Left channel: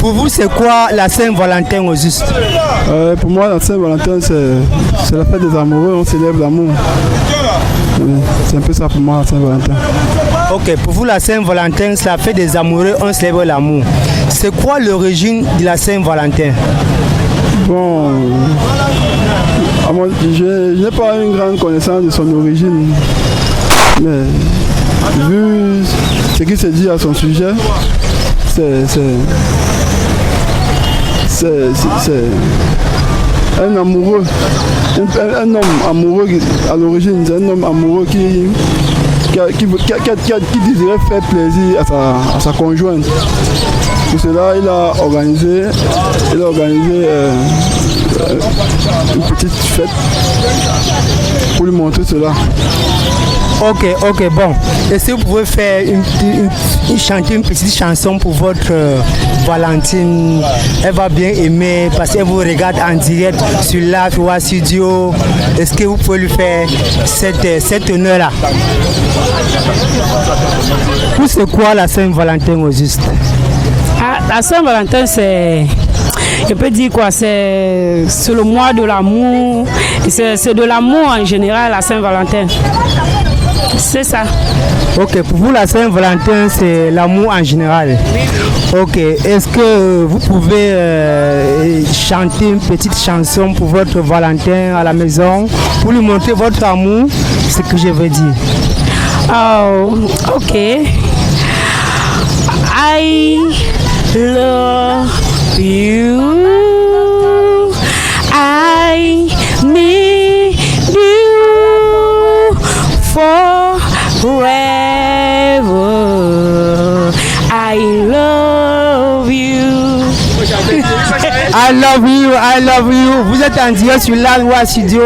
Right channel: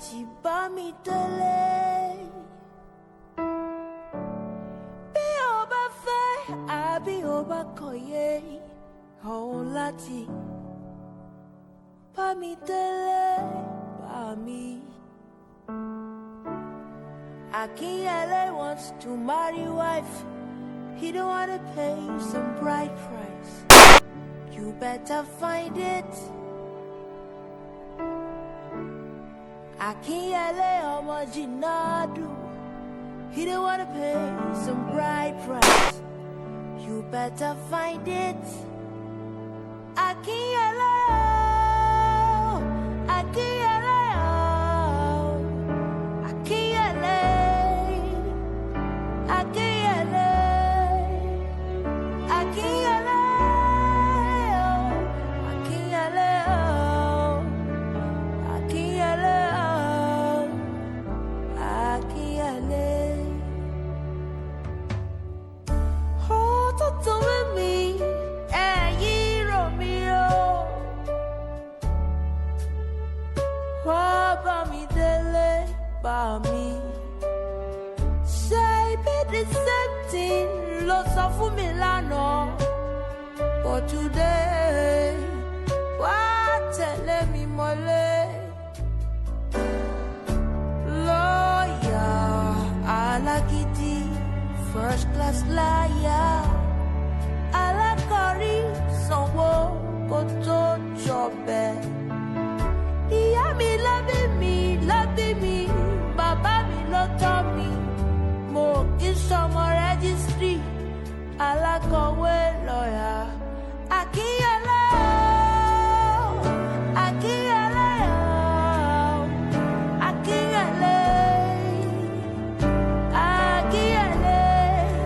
Pour vous, c'est quoi la Saint-Valentin au juste? Pour moi, la Saint-Valentin, c'est la fête des amoureux, on célèbre l'amour. C'est un peu ça pour moi, la Saint-Valentin. Ok, pour vous, la Saint-Valentin, c'est la fête des amoureux, on célèbre l'amour. C'est quoi l'origine de la Saint-Valentin? Bon, je n'ai pas une grande connaissance de son origine, mais vu ce qui se dit à son sujet, c'est un amoureux, un homme amoureux à l'origine, c'est un homme amoureux qui désirait faire plaisir à sa conjointe. Pour cela, il a organisé une petite fête pour lui montrer cela. Ok, bon. Est-ce que vous pouvez faire chanter une petite chanson pour votre Valentine? Elle va bien aimer parce qu'elle vous regarde en direct sur Live ou à Studio. Est-ce que vous pouvez lui faire cet honneur-là? C'est quoi la Saint-Valentin au juste? La Saint-Valentin, je peux dire quoi, c'est le mois de l'amour. C'est de l'amour en général, la Saint-Valentin. C'est ça. Ok, pour vous, la Saint-Valentin, c'est l'amour en général. Ok, est-ce que vous pouvez chanter une petite chanson pour votre Valentin à la maison pour lui montrer votre amour, ce que je veux dire? Oh, ok. I love you. I need you forever. I love you. I love you. Vous êtes en direct sur la loi studio,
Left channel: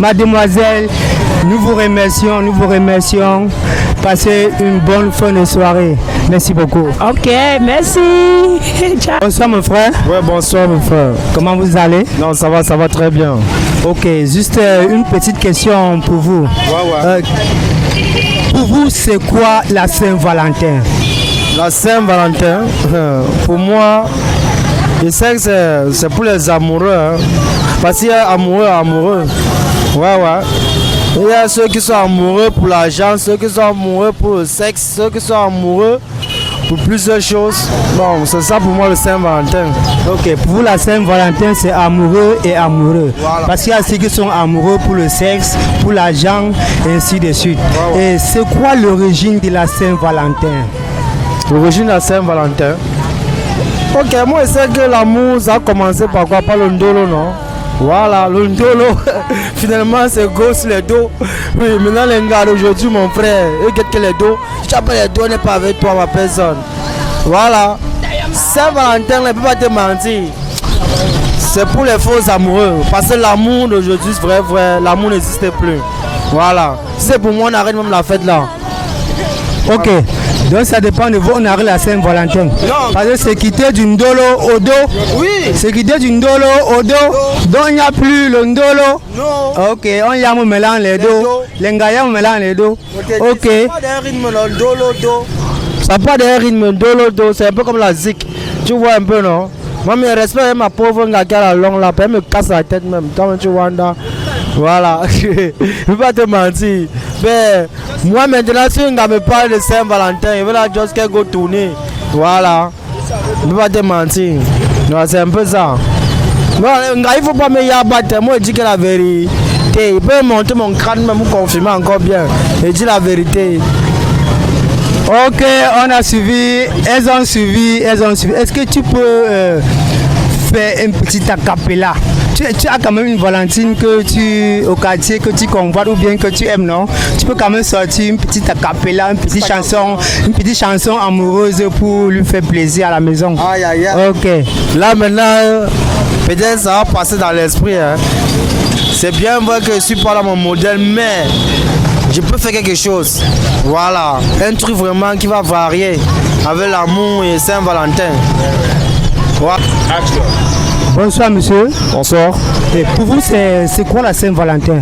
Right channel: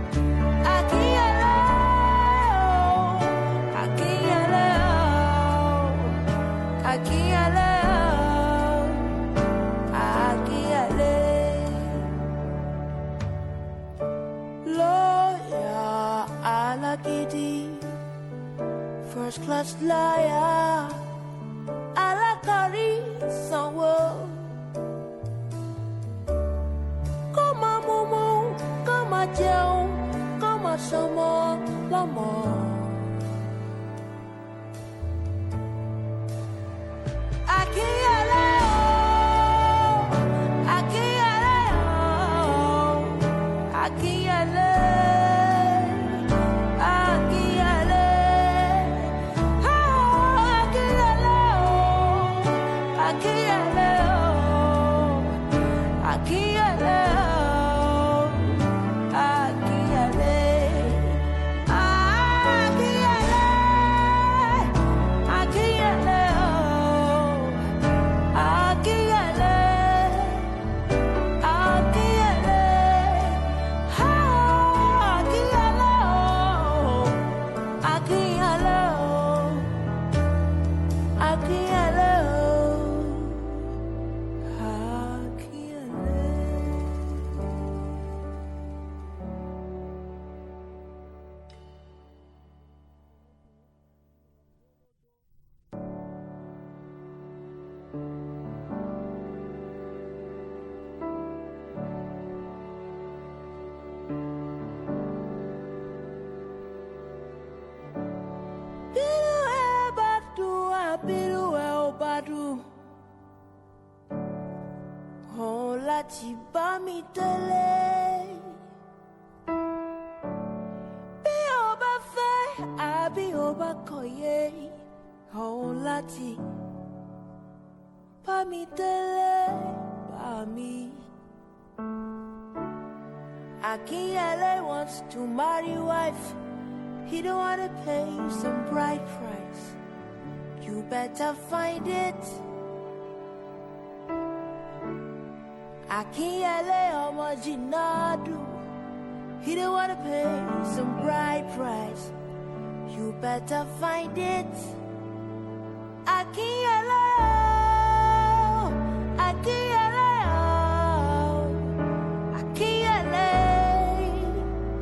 mademoiselle. Nous vous remercions. Passez une bonne fin de soirée. Merci beaucoup. Ok, merci. Ciao. Bonsoir mon frère. Ouais, bonsoir mon frère. Comment vous allez? Non, ça va très bien. Ok, juste une petite question pour vous. Ouais. Pour vous, c'est quoi la Saint-Valentin? La Saint-Valentin, pour moi, je sais que c'est pour les amoureux. Hein. Parce qu'il y a amoureux. Ouais. Il y a ceux qui sont amoureux pour l'argent, ceux qui sont amoureux pour le sexe, ceux qui sont amoureux pour plusieurs choses. Bon, c'est ça pour moi le Saint-Valentin. Ok, pour vous la Saint-Valentin c'est amoureux et amoureux. Voilà. Parce qu'il y a ceux qui sont amoureux pour le sexe, pour l'argent et ainsi de suite. Voilà. Et c'est quoi l'origine de la Saint-Valentin? L'origine de la Saint-Valentin? Ok, moi je sais que l'amour ça a commencé par quoi? Par le ndolo, non? Voilà, le ndolo, finalement c'est gros sur les dos. Oui, maintenant les gars d'aujourd'hui, mon frère, regarde que les dos, chaque les dos n'est pas avec toi, ma personne. Voilà, Saint-Valentin, ne peut pas te mentir. C'est pour les faux amoureux, parce que l'amour d'aujourd'hui, c'est vrai, l'amour n'existe plus. Voilà, c'est pour moi, on arrête même la fête là. Ok. Donc ça dépend de vous, on arrive à la Saint-Valentin. Parce que c'est quitter du ndolo au dos. Oui. C'est quitter du ndolo au dos. Donc il n'y a plus le ndolo. Non. Ok, on y a mélange les dos. Les ngaya mélange les dos. Ok. C'est pas d'un rythme le dolo do. Ça pas d'un rythme dolo do, c'est un peu comme la zik. Tu vois un peu non? Moi je respecte ma pauvre gars qui a la longue là, elle me casse la tête même. Toi tu vois là. Voilà, je ne vais pas te mentir. Mais moi maintenant, si on me parle de Saint-Valentin, il va juste qu'elle go tourner. Voilà, je ne vais pas te mentir. C'est un peu ça. Il ne faut pas me yabattre. Moi, je dis que la vérité. Il peut monter mon crâne, même pour confirmer encore bien. Je dis la vérité. Ok, on a suivi. Elles ont suivi. Est-ce que tu peux faire un petit acapella? Tu as quand même une Valentine au quartier que tu convoites ou bien que tu aimes, non? Tu peux quand même sortir une petite acapella, une petite chanson amoureuse pour lui faire plaisir à la maison. Aïe. Ok. Là maintenant, peut-être ça va passer dans l'esprit. Hein. C'est bien vrai que je suis pas là mon modèle, mais je peux faire quelque chose. Voilà, un truc vraiment qui va varier avec l'amour et Saint-Valentin. Voilà. Bonsoir monsieur. Bonsoir. Et pour vous, c'est quoi la Saint-Valentin?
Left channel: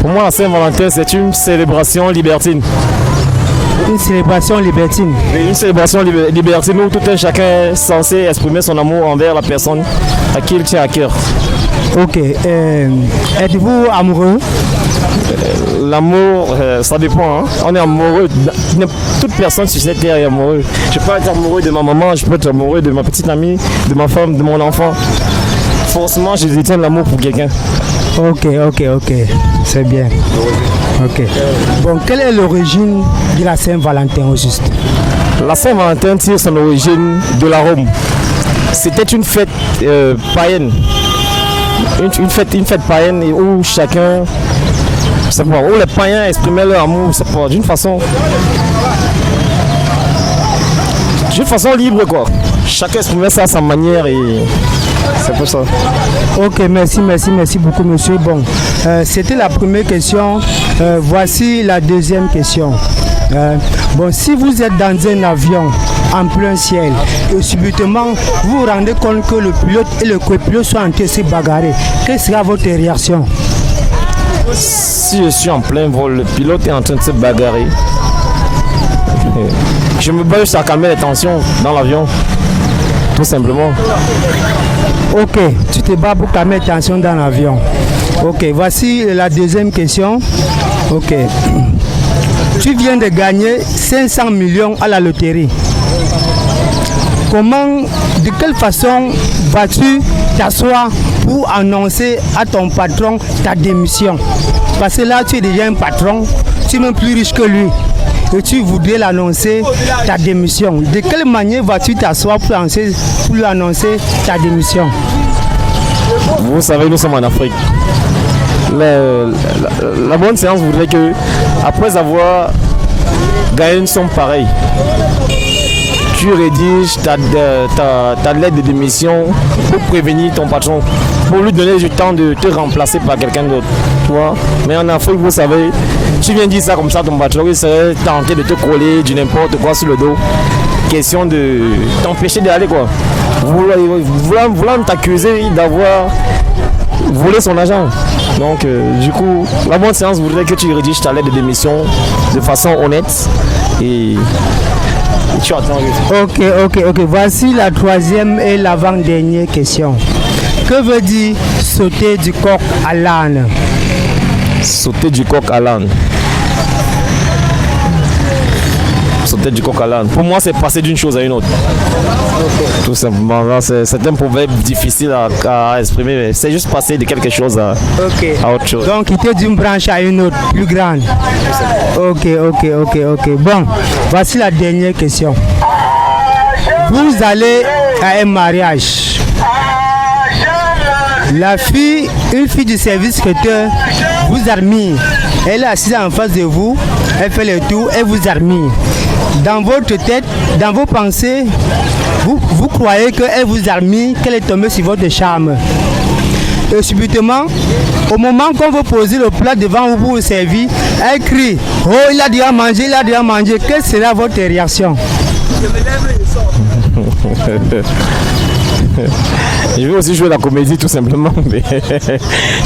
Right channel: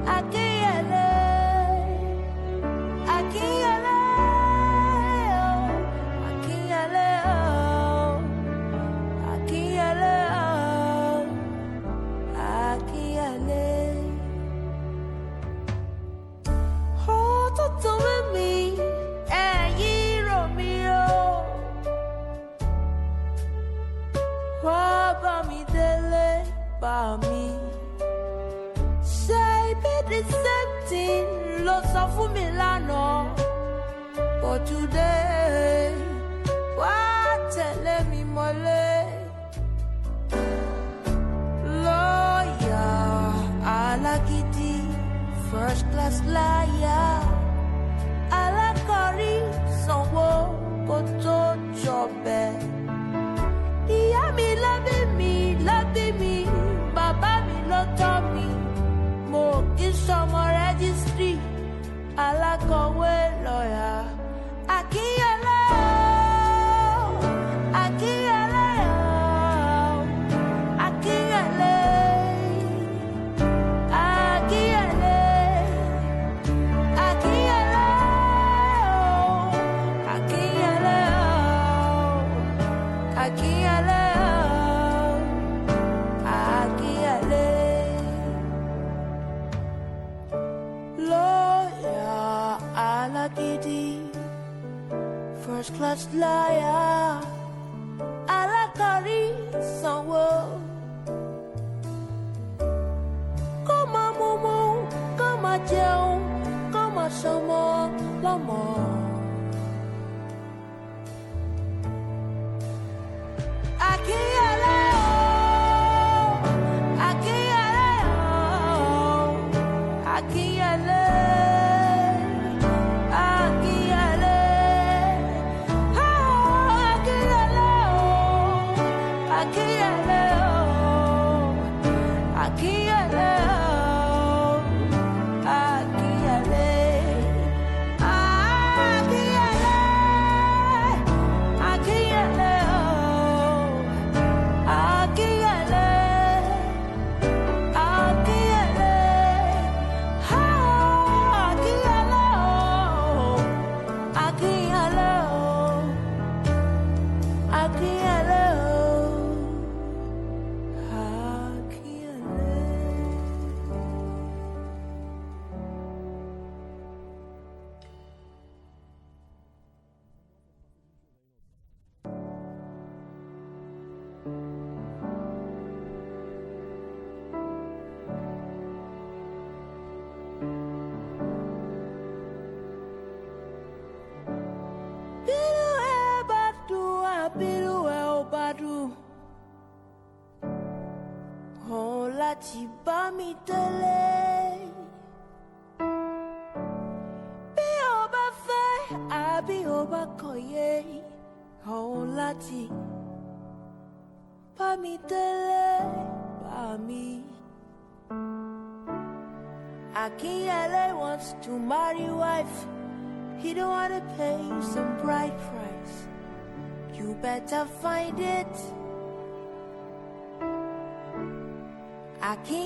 Pour moi, la Saint-Valentin, c'est une célébration libertine. Une célébration libertine. Une célébration libertine où tout un chacun est censé exprimer son amour envers la personne à qui il tient à cœur. Ok. Êtes-vous amoureux? L'amour, ça dépend. Hein. On est amoureux. Toute personne sur cette terre est amoureuse. Je peux être amoureux de ma maman, je peux être amoureux de ma petite amie, de ma femme, de mon enfant. Forcément, je détiens de l'amour pour quelqu'un. Ok. C'est bien. Ok. Bon, quelle est l'origine de la Saint-Valentin au juste? La Saint-Valentin tire son origine de la Rome. C'était une fête païenne. Une fête païenne où chacun, où les païens exprimaient leur amour d'une façon libre quoi. Chacun exprimait ça à sa manière et c'est pour ça. Ok, merci beaucoup monsieur. Bon, c'était la première question. Voici la deuxième question. Bon, si vous êtes dans un avion en plein ciel et subitement vous vous rendez compte que le pilote et le copilote sont en train de se bagarrer, quelle sera votre réaction? Si je suis en plein vol, le pilote est en train de se bagarrer. Je me bats juste à calmer les tensions dans l'avion, tout simplement. Ok, tu te bats pour calmer les tensions dans l'avion. Ok, voici la deuxième question. Ok. Tu viens de gagner 500 millions à la loterie. De quelle façon vas-tu t'asseoir pour annoncer à ton patron ta démission? Parce que là, tu es déjà un patron, tu es même plus riche que lui. Et tu voudrais l'annoncer ta démission. De quelle manière vas-tu t'asseoir pour lui annoncer ta démission? Vous savez, nous sommes en Afrique. Mais la bonne séance voudrait que, après avoir gagné une somme pareille, tu rédiges ta lettre de démission pour prévenir ton patron, pour lui donner du temps de te remplacer par quelqu'un d'autre. Tu vois? Mais en Afrique, vous savez, tu viens dire ça comme ça, ton patron il serait tenté de te coller du n'importe quoi sur le dos. Question de t'empêcher d'aller quoi. Voulant t'accuser d'avoir volé son argent. Donc du coup, la bonne séance voudrait que tu rédiges ta lettre de démission de façon honnête et tu attends. Ok. Voici la troisième et l'avant-dernière question. Que veut dire sauter du coq à l'âne? Sauter du coq à l'âne. Sauter du coq à l'âne. Pour moi, c'est passer d'une chose à une autre. Tout simplement. C'est un proverbe difficile à exprimer, mais c'est juste passer de quelque chose à autre chose. Donc, quitter d'une branche à une autre, plus grande. Ok. Bon, voici la dernière question. Vous allez à un mariage. Une fille du service traiteur vous admire. Elle est assise en face de vous, elle fait le tour, elle vous admire. Dans votre tête, dans vos pensées, vous croyez qu'elle vous admire, qu'elle est tombée sur votre charme. Et subitement, au moment qu'on vous pose le plat devant vous pour vous servir, elle crie « Oh, il a déjà mangé ». Quelle sera votre réaction? Je vais aussi jouer la comédie tout simplement.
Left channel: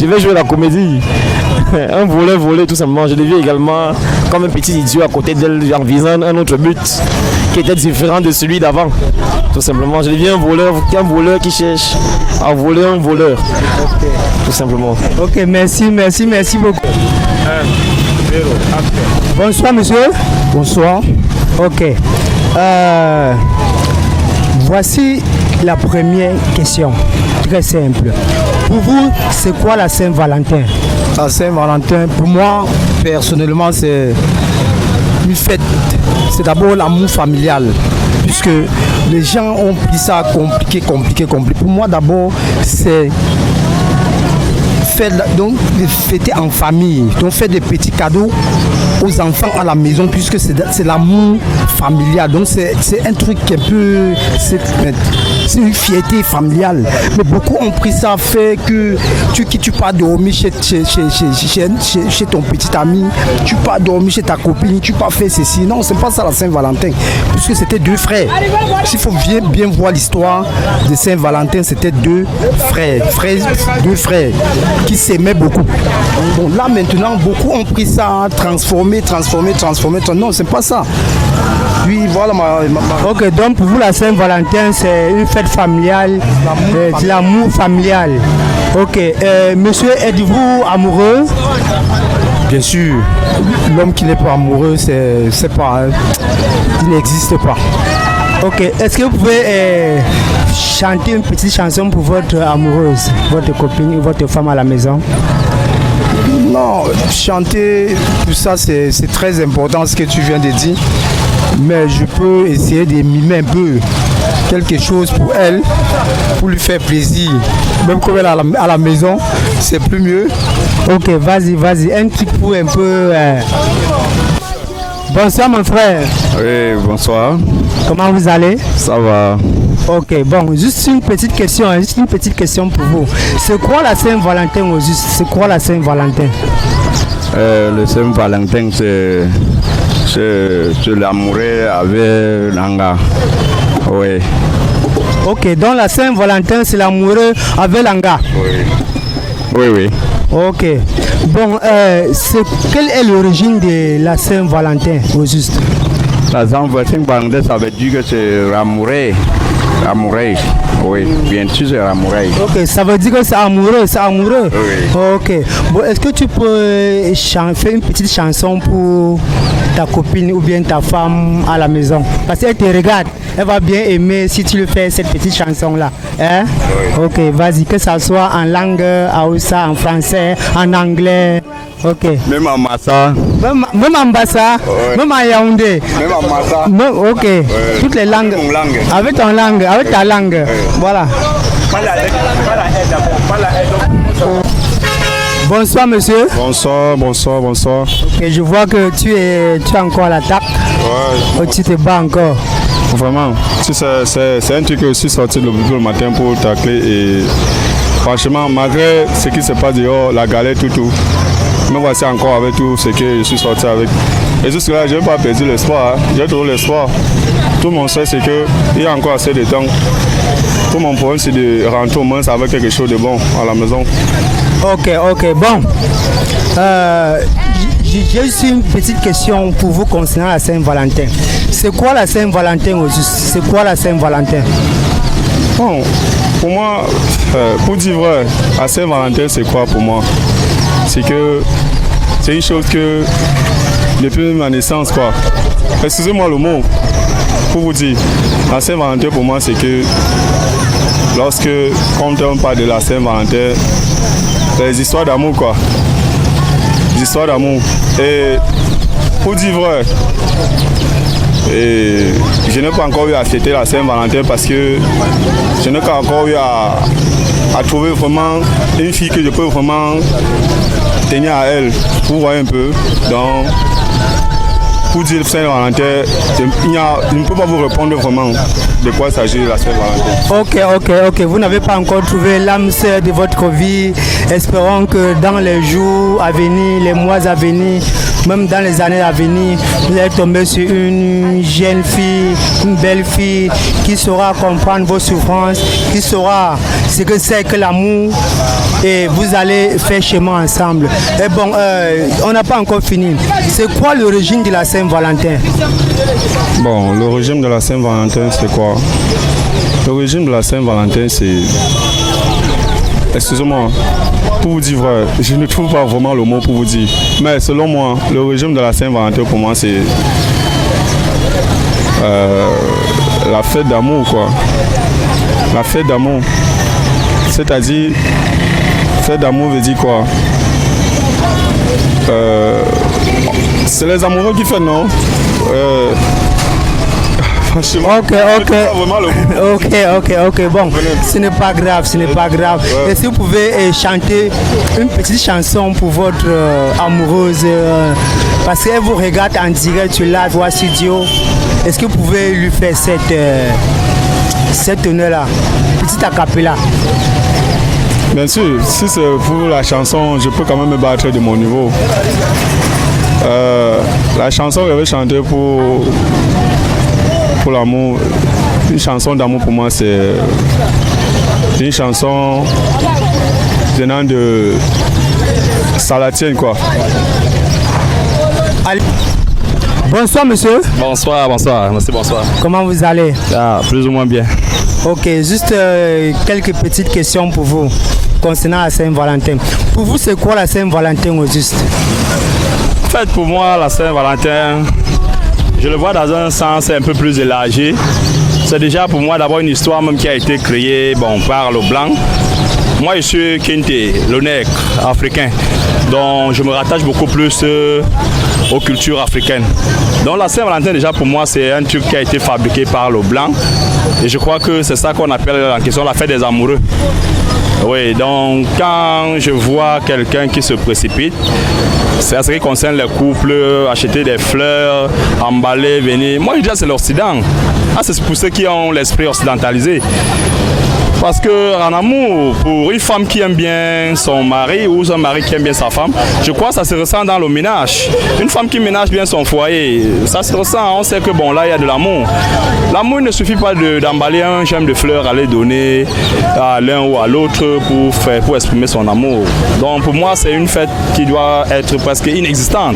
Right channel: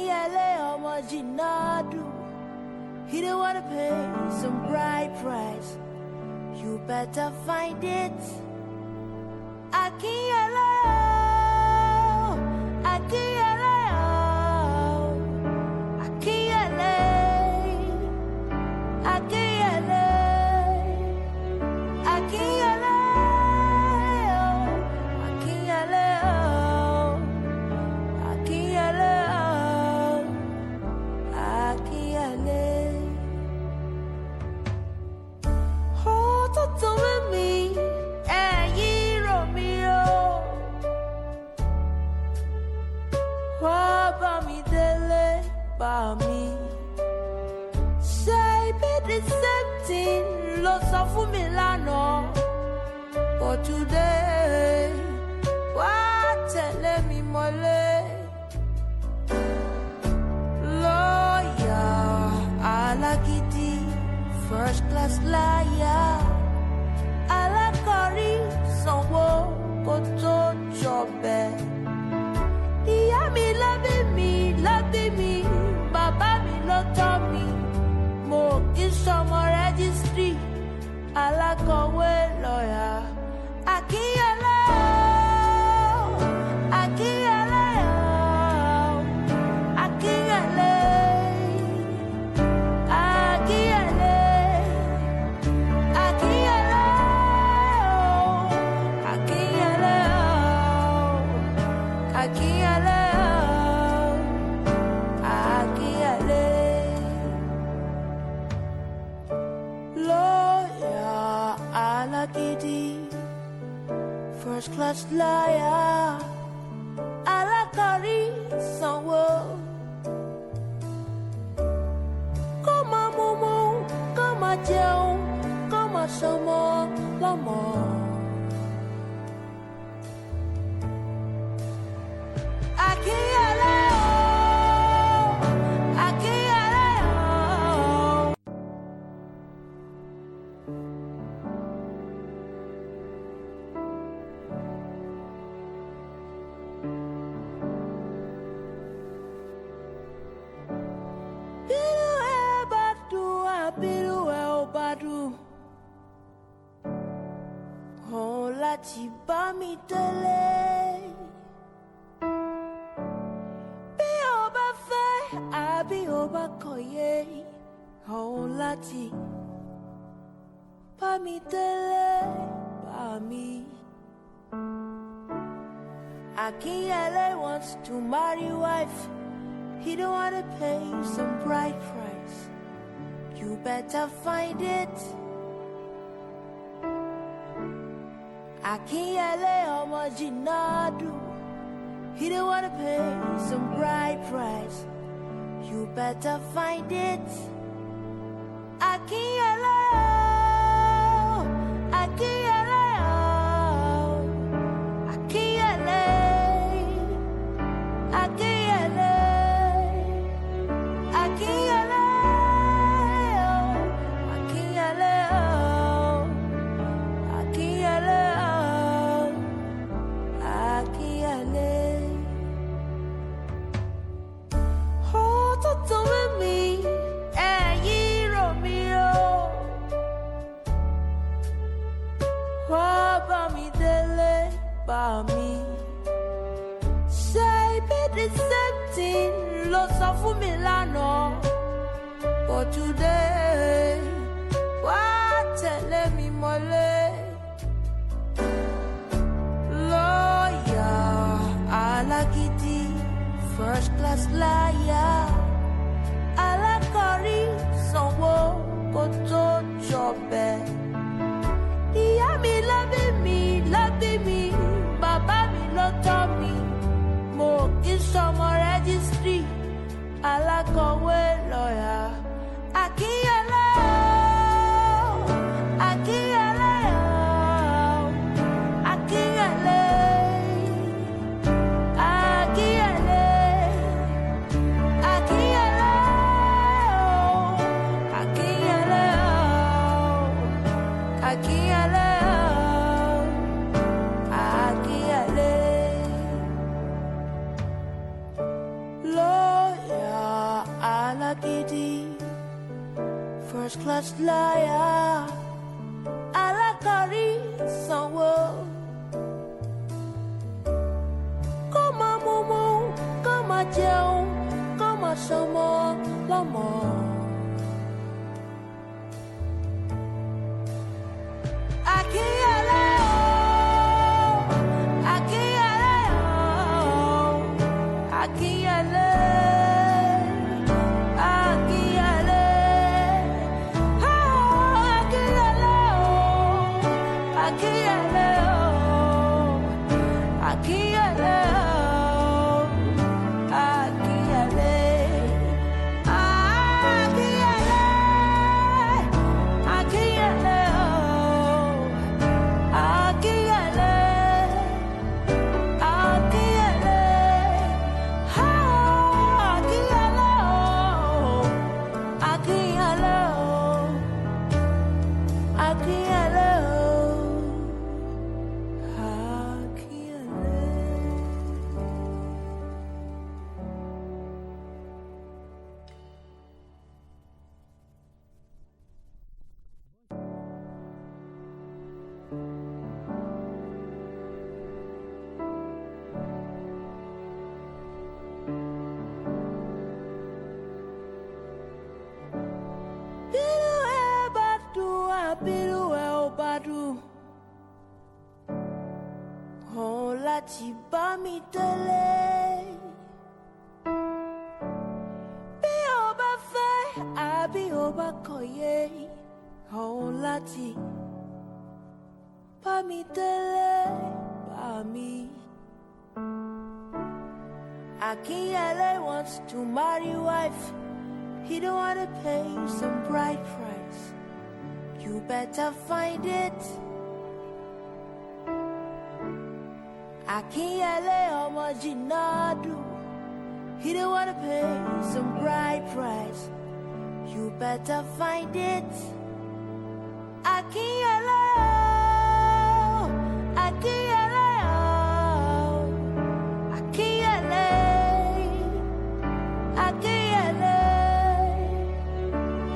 Je vais jouer la comédie. Un volé tout simplement. Je deviens également comme un petit idiot à côté d'elle en visant un autre but qui était différent de celui d'avant. Tout simplement. Je deviens un voleur qui cherche à voler un voleur. Tout simplement. Ok, merci beaucoup. Bonsoir monsieur. Bonsoir. Ok. Voici la première question, très simple. Pour vous, c'est quoi la Saint-Valentin? La Saint-Valentin, pour moi, personnellement, c'est une fête. C'est d'abord l'amour familial, puisque les gens ont pris ça compliqué. Pour moi, d'abord, c'est fêter en famille, donc faire des petits cadeaux aux enfants à la maison, puisque c'est l'amour familial. Donc c'est un truc qui est un peu c'est une fierté familiale. Mais beaucoup ont pris ça, fait que tu pars dormir chez ton petit ami, tu pars dormir chez ta copine, tu pars faire ceci. Non, c'est pas ça la Saint-Valentin. Parce que c'était deux frères. S'il faut bien voir l'histoire de Saint-Valentin, c'était deux frères qui s'aimaient beaucoup. Donc là maintenant, beaucoup ont pris ça, transformé. Non, c'est pas ça. Oui, voilà Ok, donc pour vous, la Saint-Valentin, c'est une fête familiale, de l'amour familial. Ok, monsieur, êtes-vous amoureux? Bien sûr, l'homme qui n'est pas amoureux, c'est pas, il n'existe pas. Ok, est-ce que vous pouvez chanter une petite chanson pour votre amoureuse, votre copine ou votre femme à la maison? Non, chanter, tout ça c'est très important ce que tu viens de dire. Mais je peux essayer de mimer un peu quelque chose pour elle, pour lui faire plaisir. Même comme elle est à la maison, c'est plus mieux. Ok, vas-y, un petit coup un peu. Bonsoir mon frère. Oui, bonsoir. Comment vous allez? Ça va. Ok, bon, juste une petite question pour vous. C'est quoi la Saint-Valentin au juste? C'est quoi la Saint-Valentin? Le Saint-Valentin, c'est l'amoureux avec l'anga. Oui. Ok, donc la Saint-Valentin, c'est l'amoureux avec l'anga. Oui. Ok. Bon, quelle est l'origine de la Saint-Valentin au juste? La Saint-Valentin, ça veut dire que c'est l'amoureux. Amoureux, oui, bien sûr c'est amoureux. Ok, ça veut dire que c'est amoureux. Oui. Ok, bon, est-ce que tu peux faire une petite chanson pour ta copine ou bien ta femme à la maison? Parce qu'elle te regarde, elle va bien aimer si tu lui fais cette petite chanson-là. Hein? Oui. Ok, vas-y, que ça soit en langue Hausa, en français, en anglais. Ok. Même en Massa. Même en Bassa, oui. Même en Yaoundé. Même en Massa. Ok, oui. Toutes les langues. Avec ton langue. Avec ta langue, voilà. Bonsoir monsieur. Bonsoir. Okay, je vois que tu es encore à l'attaque. Ouais. Oh, tu te bats encore. Vraiment, c'est un truc que je suis sorti le matin pour tacler et franchement, malgré ce qui se passe dehors, la galère, tout, me voici encore avec tout ce que je suis sorti avec. Et jusque-là, je n'ai pas perdu l'espoir. J'ai toujours l'espoir. Tout mon sait, c'est qu'il y a encore assez de temps. Tout mon problème, c'est de rentrer au moins avec quelque chose de bon à la maison. Ok, bon. J'ai aussi une petite question pour vous concernant la Saint-Valentin. C'est quoi la Saint-Valentin au juste? C'est quoi la Saint-Valentin? Bon, pour moi, pour dire vrai, la Saint-Valentin, c'est quoi pour moi? C'est que c'est une chose que depuis ma naissance, quoi. Excusez-moi le mot. Pour vous dire, la Saint-Valentin pour moi c'est que lorsque on parle de la Saint-Valentin, c'est des histoires d'amour quoi. Des histoires d'amour. Et pour dire vrai, et je n'ai pas encore eu à fêter la Saint-Valentin parce que je n'ai pas encore eu à trouver vraiment une fille que je peux vraiment tenir à elle. Vous voyez un peu. Donc, pour dire Saint-Valentin, je ne peux pas vous répondre vraiment de quoi s'agit la Saint-Valentin. Ok. Vous n'avez pas encore trouvé l'âme sœur de votre vie. Espérons que dans les jours à venir, les mois à venir, même dans les années à venir, vous allez tomber sur une jeune fille, une belle fille qui saura comprendre vos souffrances, qui saura ce que c'est que l'amour. Et vous allez faire chemin ensemble. Et bon, on n'a pas encore fini. C'est quoi l'origine de la Saint-Valentin? Bon, l'origine de la Saint-Valentin, c'est quoi? L'origine de la Saint-Valentin, c'est... Excusez-moi, pour vous dire vrai, je ne trouve pas vraiment le mot pour vous dire. Mais selon moi, l'origine de la Saint-Valentin, pour moi, c'est la fête d'amour, quoi. La fête d'amour. C'est-à-dire, fête d'amour veut dire quoi? C'est les amoureux qui font, non? Ok. Bon, ce n'est pas grave. Ouais. Et si vous pouvez chanter une petite chanson pour votre amoureuse, parce qu'elle vous regarde en direct sur la voix studio, est-ce que vous pouvez lui faire cet honneur-là? Petit acapella. Bien sûr, si c'est pour la chanson, je peux quand même me battre de mon niveau. La chanson que je vais chanter pour l'amour, une chanson d'amour pour moi, c'est une chanson venant de Salatienne, quoi. Allez. Bonsoir monsieur. Bonsoir, merci, bonsoir. Comment vous allez? Ah, plus ou moins bien. Ok, juste quelques petites questions pour vous concernant la Saint-Valentin. Pour vous, c'est quoi la Saint-Valentin au juste? En fait, pour moi, la Saint-Valentin, je le vois dans un sens un peu plus élargi. C'est déjà pour moi d'abord une histoire même qui a été créée par le blanc. Moi, je suis Kinte, le nègre africain, donc je me rattache beaucoup plus aux cultures africaines. Donc la Saint-Valentin, déjà pour moi, c'est un truc qui a été fabriqué par le blanc. Et je crois que c'est ça qu'on appelle en question la fête des amoureux. Oui, donc quand je vois quelqu'un qui se précipite, c'est à ce qui concerne les couples, acheter des fleurs, emballer, venir. Moi, je dis que c'est l'Occident. Ah, c'est pour ceux qui ont l'esprit occidentalisé. Parce qu'en amour, pour une femme qui aime bien son mari ou un mari qui aime bien sa femme, je crois que ça se ressent dans le ménage. Une femme qui ménage bien son foyer, ça se ressent. On sait que là, il y a de l'amour. L'amour ne suffit pas d'emballer un gemme de fleurs, aller donner à l'un ou à l'autre pour exprimer son amour. Donc pour moi, c'est une fête qui doit être presque inexistante.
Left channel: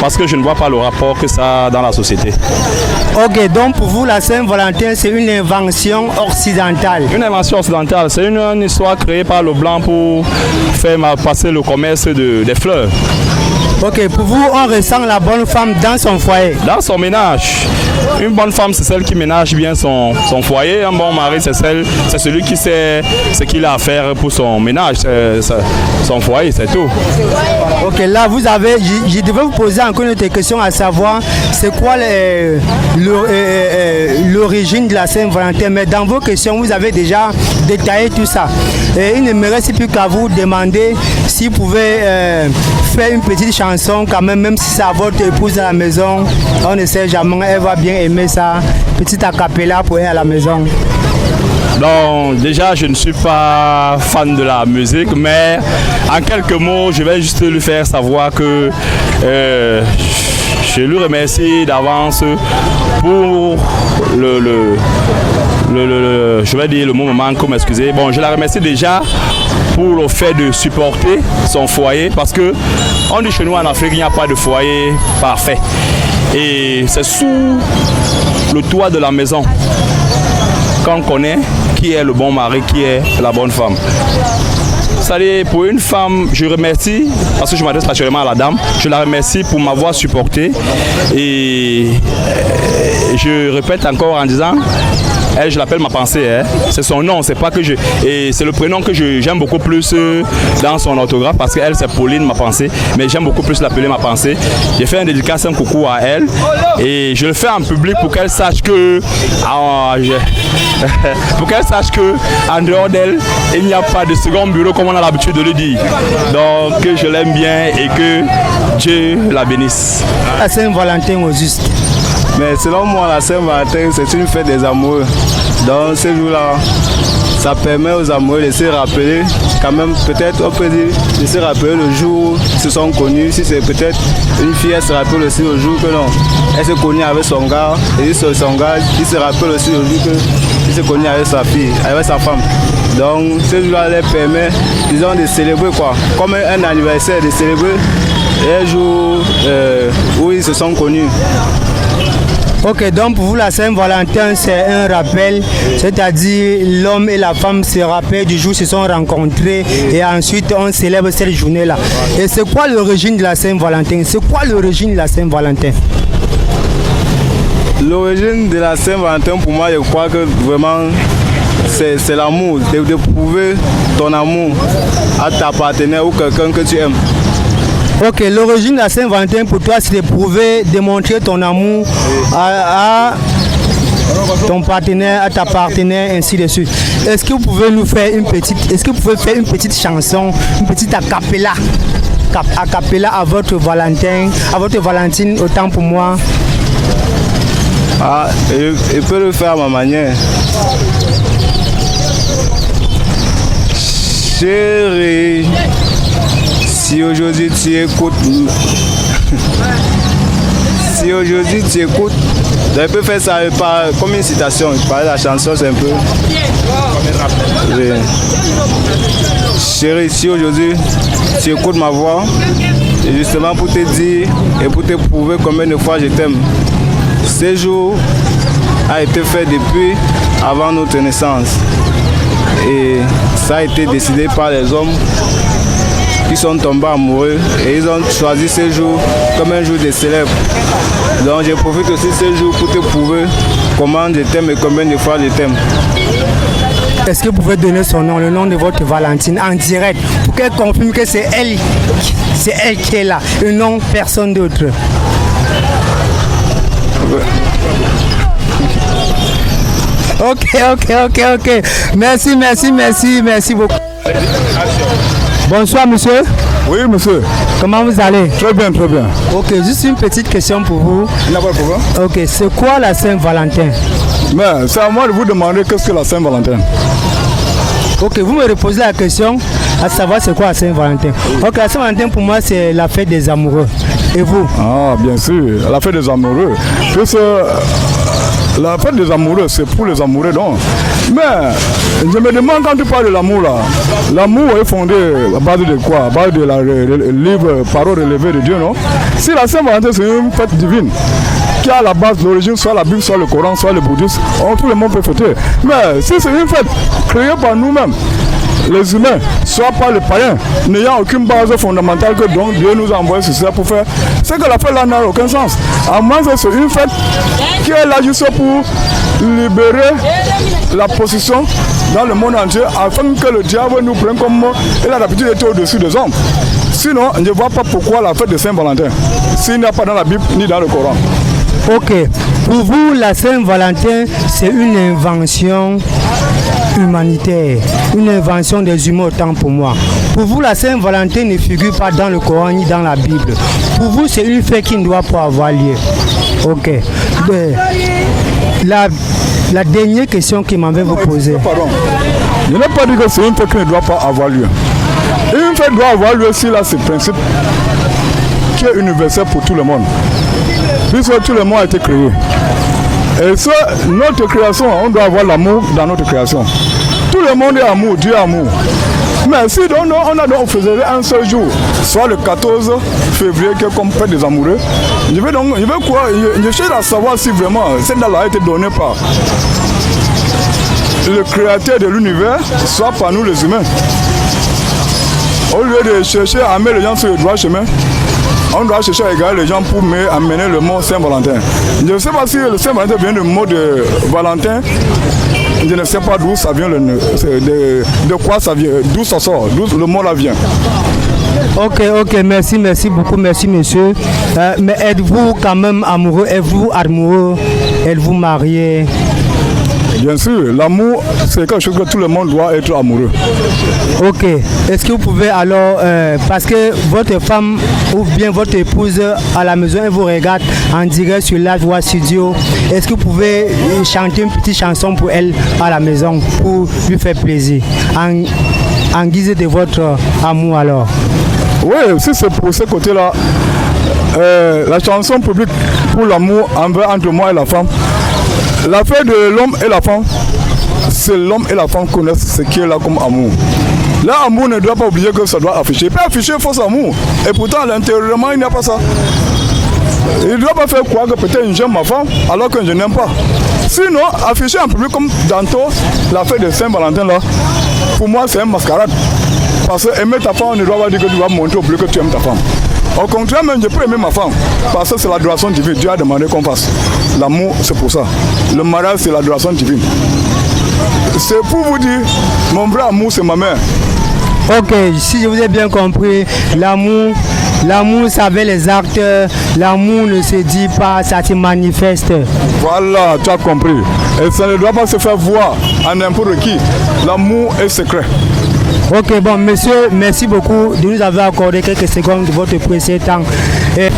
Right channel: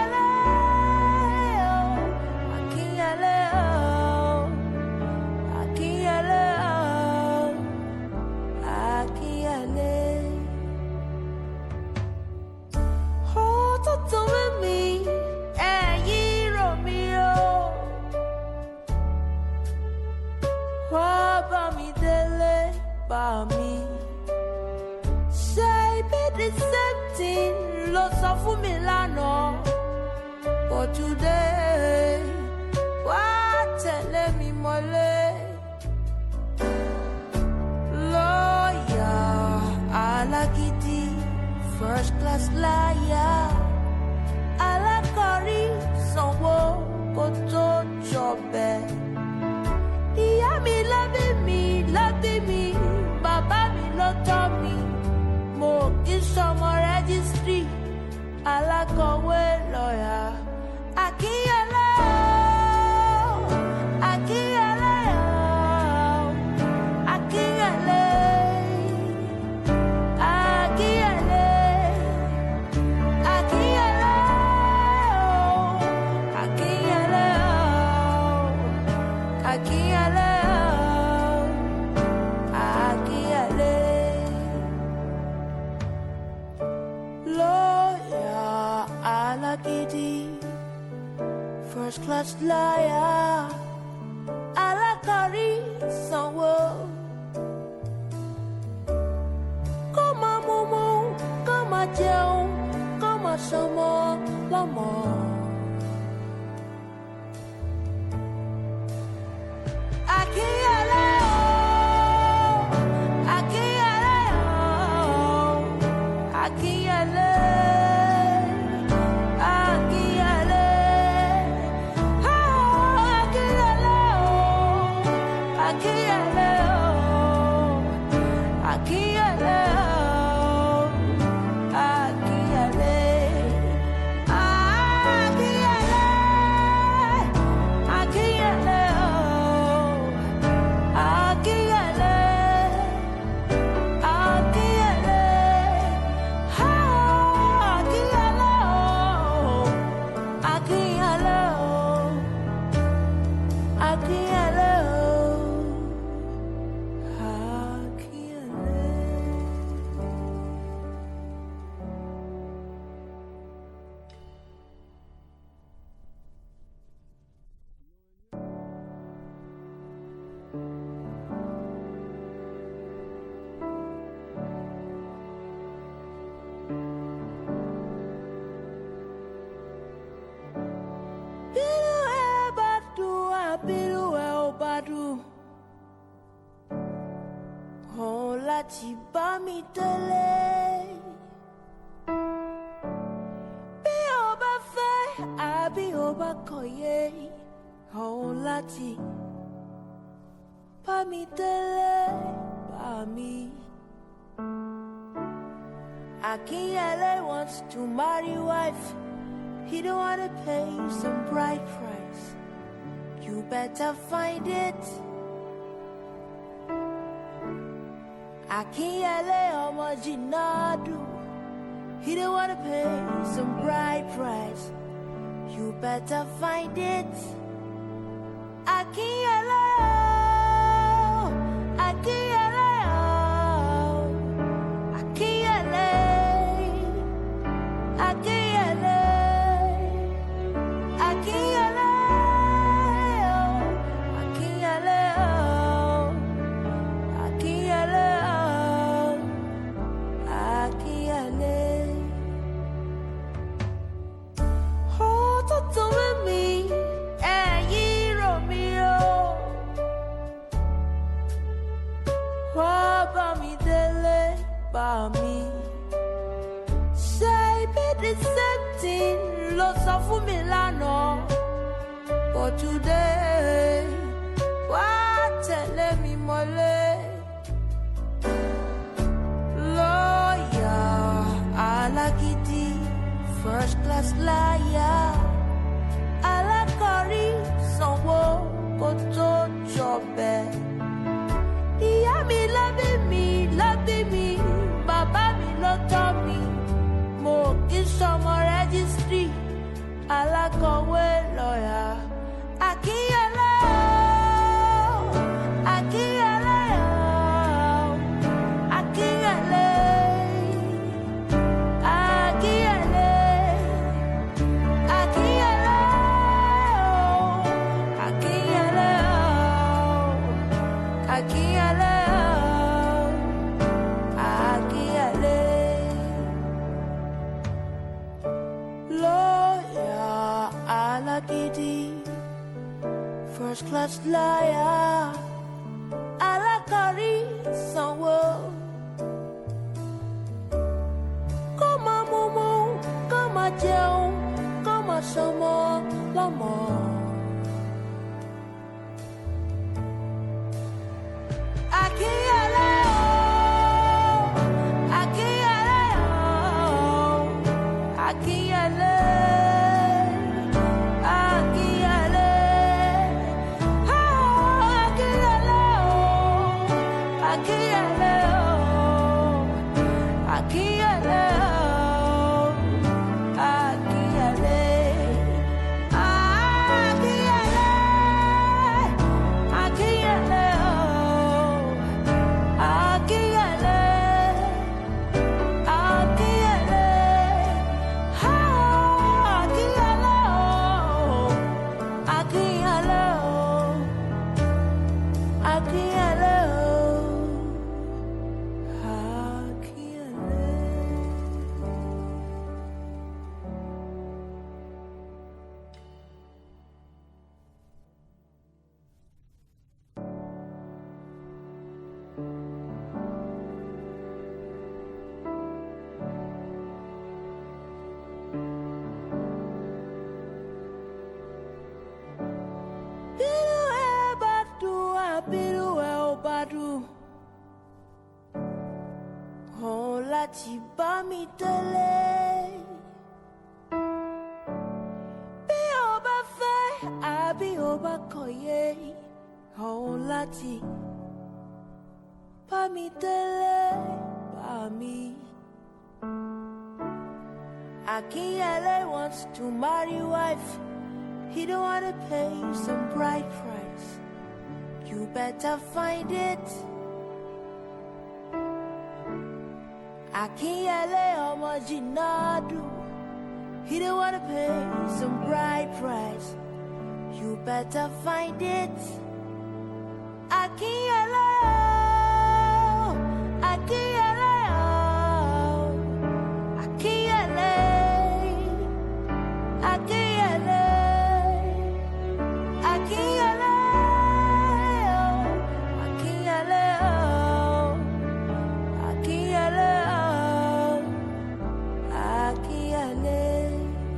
Parce que je ne vois pas le rapport que ça a dans la société. Ok, donc pour vous, la Saint-Valentin, c'est une invention occidentale. Une invention occidentale, c'est une histoire créée par le blanc pour faire passer le commerce des fleurs. Ok, pour vous, on ressent la bonne femme dans son foyer. Dans son ménage. Une bonne femme, c'est celle qui ménage bien son foyer. Un bon mari, c'est celui qui sait ce qu'il a à faire pour son ménage, son foyer, c'est tout. Ok, là, je devais vous poser encore une autre question, à savoir, c'est quoi l'origine de la Saint-Valentin? Mais dans vos questions, vous avez déjà détaillé tout ça. Et il ne me reste plus qu'à vous demander si vous pouvez faire une petite chanson quand même si c'est à votre épouse à la maison. On ne sait jamais, elle va bien aimer ça. Petit acapella pour elle à la maison. Donc déjà, je ne suis pas fan de la musique, mais en quelques mots, je vais juste lui faire savoir que je lui remercie d'avance pour je vais dire le mot me manque, m'excuser. Bon, je la remercie déjà pour le fait de supporter son foyer, parce que on dit chez nous en Afrique, il n'y a pas de foyer parfait. Et c'est sous le toit de la maison qu'on connaît qui est le bon mari, qui est la bonne femme. C'est-à-dire, pour une femme, je remercie, parce que je m'adresse naturellement à la dame, je la remercie pour m'avoir supporté. Et je répète encore en disant, elle, je l'appelle ma pensée, hein. C'est son nom, c'est pas que je... Et c'est le prénom que j'aime beaucoup plus dans son orthographe, parce qu'elle, c'est Pauline, ma pensée, mais j'aime beaucoup plus l'appeler ma pensée. J'ai fait un dédicace, un coucou à elle, et je le fais en public pour qu'elle sache que... pour qu'elle sache que en dehors d'elle, il n'y a pas de second bureau comme on a l'habitude de le dire. Donc que je l'aime bien et que Dieu la bénisse. La Saint-Valentin au juste. Mais selon moi, la Saint-Valentin, c'est une fête des amoureux. Donc ce jour-là, ça permet aux amoureux de se rappeler, quand même, peut-être on peut dire, de se rappeler le jour où ils se sont connus. Si c'est peut-être une fille, elle se rappelle aussi le jour que non, elle se connaît avec son gars, et son gars, il se rappelle aussi le jour qu'il se connaît avec sa fille, avec sa femme. Donc ce jour-là leur permet, disons, de célébrer quoi, comme un anniversaire, de célébrer un jour où ils se sont connus. Ok, donc pour vous, la Saint-Valentin, c'est un rappel, c'est-à-dire l'homme et la femme se rappellent du jour où ils se sont rencontrés et ensuite on célèbre cette journée-là. Et c'est quoi l'origine de la Saint-Valentin? C'est quoi l'origine de la Saint-Valentin? L'origine de la Saint-Valentin, pour moi, je crois que vraiment, c'est l'amour, de prouver ton amour à ta partenaire ou quelqu'un que tu aimes. Ok, l'origine de la Saint-Valentin pour toi, c'est de prouver, démontrer ton amour à ton partenaire, à ta partenaire, ainsi de suite. Est-ce que vous pouvez nous faire une petite chanson, une petite acapella à votre Valentin, à votre Valentine, autant pour moi? Ah, je peux le faire à ma manière. Chérie, si aujourd'hui tu écoutes, je peux faire ça comme une citation. Par la chanson, c'est un peu. Oui. Chérie, si aujourd'hui tu écoutes ma voix, c'est justement pour te dire et pour te prouver combien de fois je t'aime. Ce jour a été fait depuis avant notre naissance. Et ça a été décidé par les hommes qui sont tombés amoureux et ils ont choisi ce jour comme un jour de célèbre. Donc je profite aussi de ce jour pour te prouver comment je t'aime et combien de fois je t'aime. Est-ce que vous pouvez donner son nom, le nom de votre Valentine en direct pour qu'elle confirme que c'est elle qui est là et non personne d'autre? Ok. Merci beaucoup. Bonsoir monsieur. Oui monsieur. Comment vous allez? Très bien. Ok, juste une petite question pour vous. Il n'y a pas de problème. Ok, c'est quoi la Saint-Valentin? Mais c'est à moi de vous demander qu'est-ce que la Saint-Valentin. Ok, vous me reposez la question à savoir c'est quoi la Saint-Valentin. Ok, la Saint-Valentin pour moi c'est la fête des amoureux. Et vous? Ah bien sûr, la fête des amoureux. La fête des amoureux, c'est pour les amoureux donc. Mais je me demande quand tu parles de l'amour là, l'amour est fondé à base de quoi? À base de la livre Parole relevée de Dieu, non? Si la Saint-Valentin c'est une fête divine qui a à la base l'origine, soit la Bible, soit le Coran, soit le bouddhisme, tout le monde peut fêter. Mais si c'est une fête créée par nous-mêmes, les humains, soit par les païens, n'ayant aucune base fondamentale que donc Dieu nous a envoyé sur ça pour faire, c'est que la fête là n'a aucun sens. À moins que c'est une fête qui est là juste pour libérer la possession dans le monde entier afin que le diable nous prenne comme il a l'habitude d'être au-dessus des hommes. Sinon, je ne vois pas pourquoi la fête de Saint-Valentin, s'il n'y a pas dans la Bible ni dans le Coran. Ok, pour vous la Saint-Valentin c'est une invention humanitaire, une invention des humains autant pour moi. Pour vous la Saint-Valentin ne figure pas dans le Coran ni dans la Bible. Pour vous c'est une fête qui ne doit pas avoir lieu. Ok. La dernière question qui m'avait vous poser. Pardon. Je n'ai pas dit que c'est une fête qui ne doit pas avoir lieu. Une fête doit avoir lieu si là c'est le principe qui est universel pour tout le monde. Puisque tout le monde a été créé. Et ça, notre création, on doit avoir l'amour dans notre création. Tout le monde est amour, Dieu est amour. Mais si donc, on faisait un seul jour, soit le 14 février, qui est comme fête des amoureux, je cherche à savoir si vraiment cette date a été donnée par le créateur de l'univers, soit par nous les humains. Au lieu de chercher à amener les gens sur le droit chemin, on doit chercher à égarer les gens pour amener le mot Saint-Valentin. Je ne sais pas si le Saint-Valentin vient du mot de Valentin. Je ne sais pas d'où ça vient, de quoi ça vient, d'où ça sort, d'où le mot là vient. Ok, merci beaucoup, merci monsieur. Mais êtes-vous quand même amoureux? Êtes-vous amoureux? Êtes-vous marié? Bien sûr, l'amour, c'est quelque chose que tout le monde doit être amoureux. Ok. Est-ce que vous pouvez alors, parce que votre femme ou bien votre épouse à la maison, elle vous regarde en direct sur la voix studio, est-ce que vous pouvez chanter une petite chanson pour elle à la maison pour lui faire plaisir, en guise de votre amour alors? Oui, si c'est pour ce côté-là, la chanson publique pour l'amour entre moi et la femme. L'affaire de l'homme et la femme, c'est l'homme et la femme connaissent ce qui est là comme amour. L'amour ne doit pas oublier que ça doit afficher. Il peut afficher faux amour. Et pourtant, à l'intérieurement, il n'y a pas ça. Il ne doit pas faire croire que peut-être j'aime ma femme alors que je n'aime pas. Sinon, afficher en public comme tantôt l'affaire de Saint-Valentin là, pour moi c'est un mascarade. Parce que aimer ta femme, on ne doit pas dire que tu vas montrer au public que tu aimes ta femme. Au contraire, même je peux aimer ma femme, parce que c'est l'adoration divine. Dieu a demandé qu'on fasse. L'amour, c'est pour ça. Le mariage, c'est l'adoration divine. C'est pour vous dire, mon vrai amour, c'est ma mère. Ok, si je vous ai bien compris, l'amour, ça veut les actes, l'amour ne se dit pas, ça se manifeste. Voilà, tu as compris. Et ça ne doit pas se faire voir à n'importe qui. L'amour est secret. Ok, bon, monsieur, merci beaucoup de nous avoir accordé quelques secondes de votre précieux temps. Et...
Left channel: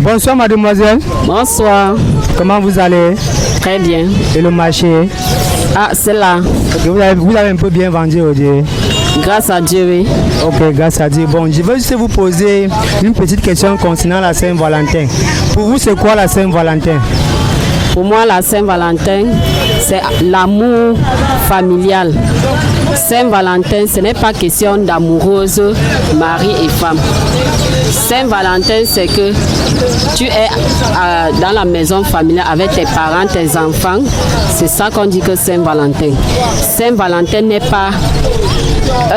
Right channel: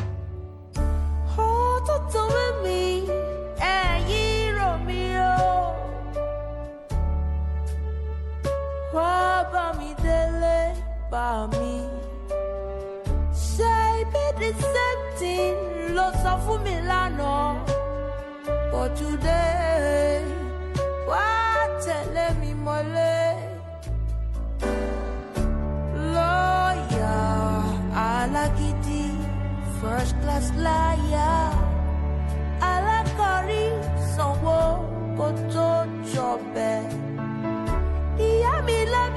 Bonsoir mademoiselle. Bonsoir. Comment vous allez? Très bien. Et le marché? Ah, c'est là. Okay, vous avez un peu bien vendu aujourd'hui. Grâce à Dieu, oui. Ok, grâce à Dieu. Bon, je veux juste vous poser une petite question concernant la Saint-Valentin. Pour vous, c'est quoi la Saint-Valentin? Pour moi, la Saint-Valentin, c'est l'amour familial. Saint-Valentin, ce n'est pas question d'amoureuse, mari et femme. Saint-Valentin, c'est que tu es dans la maison familiale avec tes parents, tes enfants. C'est ça qu'on dit que Saint-Valentin. Saint-Valentin n'est pas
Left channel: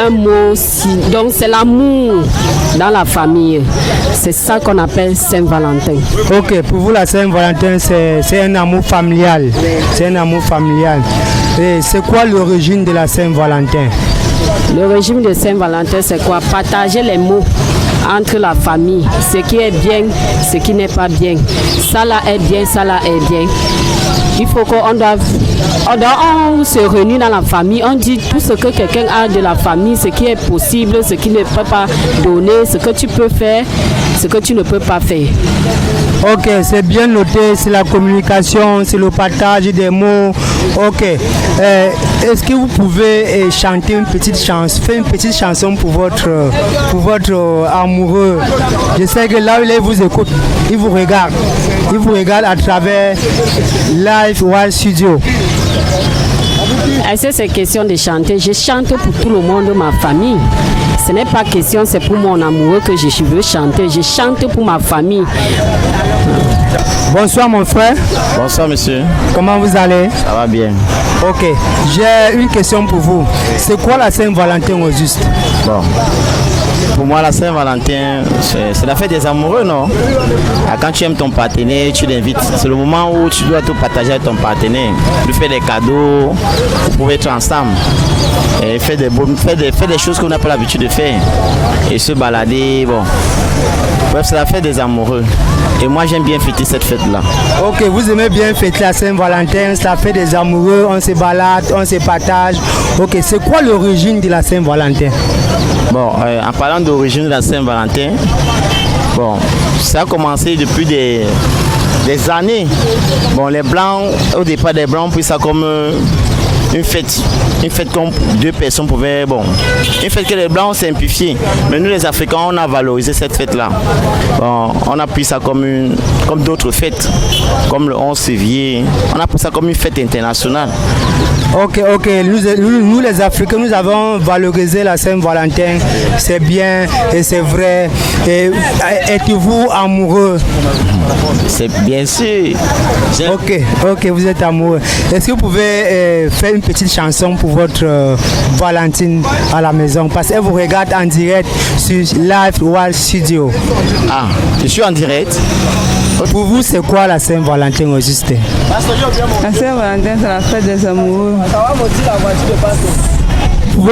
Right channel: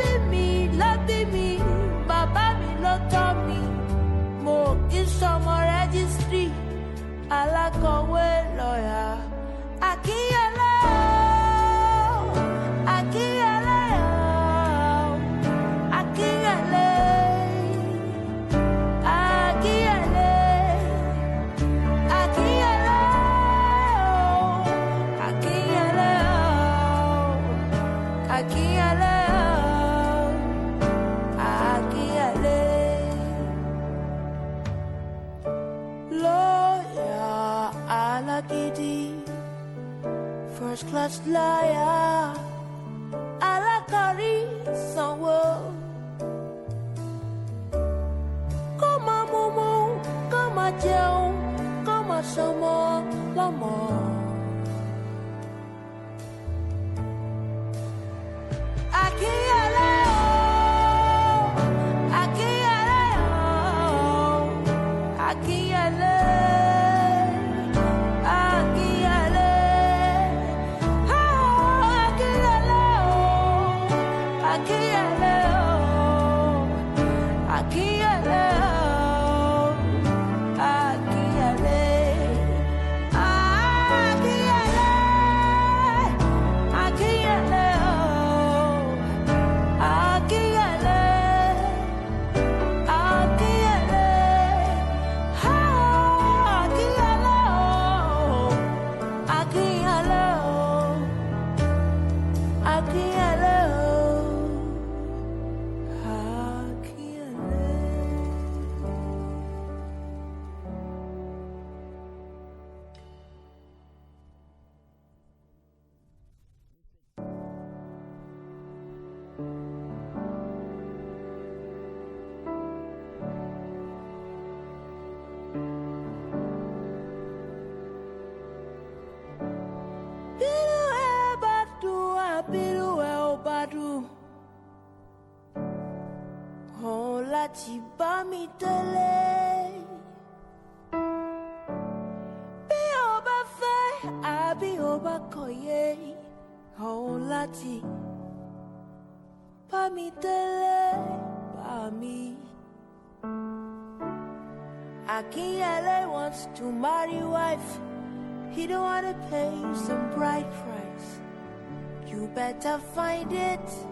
un mot, donc c'est l'amour dans la famille. C'est ça qu'on appelle Saint-Valentin. Ok, pour vous, la Saint-Valentin, c'est un amour familial. C'est un amour familial. Et c'est quoi l'origine de la Saint-Valentin? L'origine de Saint-Valentin, c'est quoi? Partager les mots entre la famille, ce qui est bien, ce qui n'est pas bien. Ça là est bien, ça là est bien. Il faut qu'on on se réunit dans la famille, on dit tout ce que quelqu'un a de la famille, ce qui est possible, ce qui ne peut pas donner, ce que tu peux faire, ce que tu ne peux pas faire. Ok, c'est bien noté, c'est la communication, c'est le partage des mots. Ok, est-ce que vous pouvez chanter une petite chanson, faire une petite chanson pour votre amoureux? Je sais que là où il vous écoute, il vous regarde à travers Live Wild Studio. Est-ce que c'est question de chanter? Je chante pour tout le monde de ma famille. Ce n'est pas question, c'est pour mon amoureux que je veux chanter. Je chante pour ma famille. Bonsoir mon frère. Bonsoir monsieur. Comment vous allez? Ça va bien. Ok, j'ai une question pour vous. C'est quoi la Saint-Valentin au juste? Bon. Pour moi, la Saint-Valentin, c'est la fête des amoureux, non? Quand tu aimes ton partenaire, tu l'invites. C'est le moment où tu dois tout partager avec ton partenaire. Lui faire des cadeaux, vous pouvez être ensemble. Et faire des choses qu'on n'a pas l'habitude de faire. Et se balader, bon. Bref, c'est la fête des amoureux. Et moi, j'aime bien fêter cette fête-là. Ok, vous aimez bien fêter la Saint-Valentin, c'est la fête des amoureux, on se balade, on se partage. Ok, c'est quoi l'origine de la Saint-Valentin? Bon, en parlant d'origine de la Saint-Valentin, bon, ça a commencé depuis des années. Bon, les Blancs, au départ des Blancs, puis ça comme une fête comme deux personnes pouvaient, bon, une fête que les Blancs ont simplifiée. Mais nous les Africains, on a valorisé cette fête-là. Bon, on a pris ça comme d'autres fêtes, comme le 11 février. On a pris ça comme une fête internationale. Ok, nous les Africains, nous avons valorisé la Saint-Valentin, c'est bien et c'est vrai. Et êtes-vous amoureux? C'est bien sûr. Ok, vous êtes amoureux. Est-ce que vous pouvez faire une petite chanson pour votre Valentine à la maison? Parce qu'elle vous regarde en direct sur Live Wild Studio. Ah, je suis en direct. Pour vous, c'est quoi la Saint-Valentin au juste? La Saint-Valentin, c'est la fête des amoureux. Vous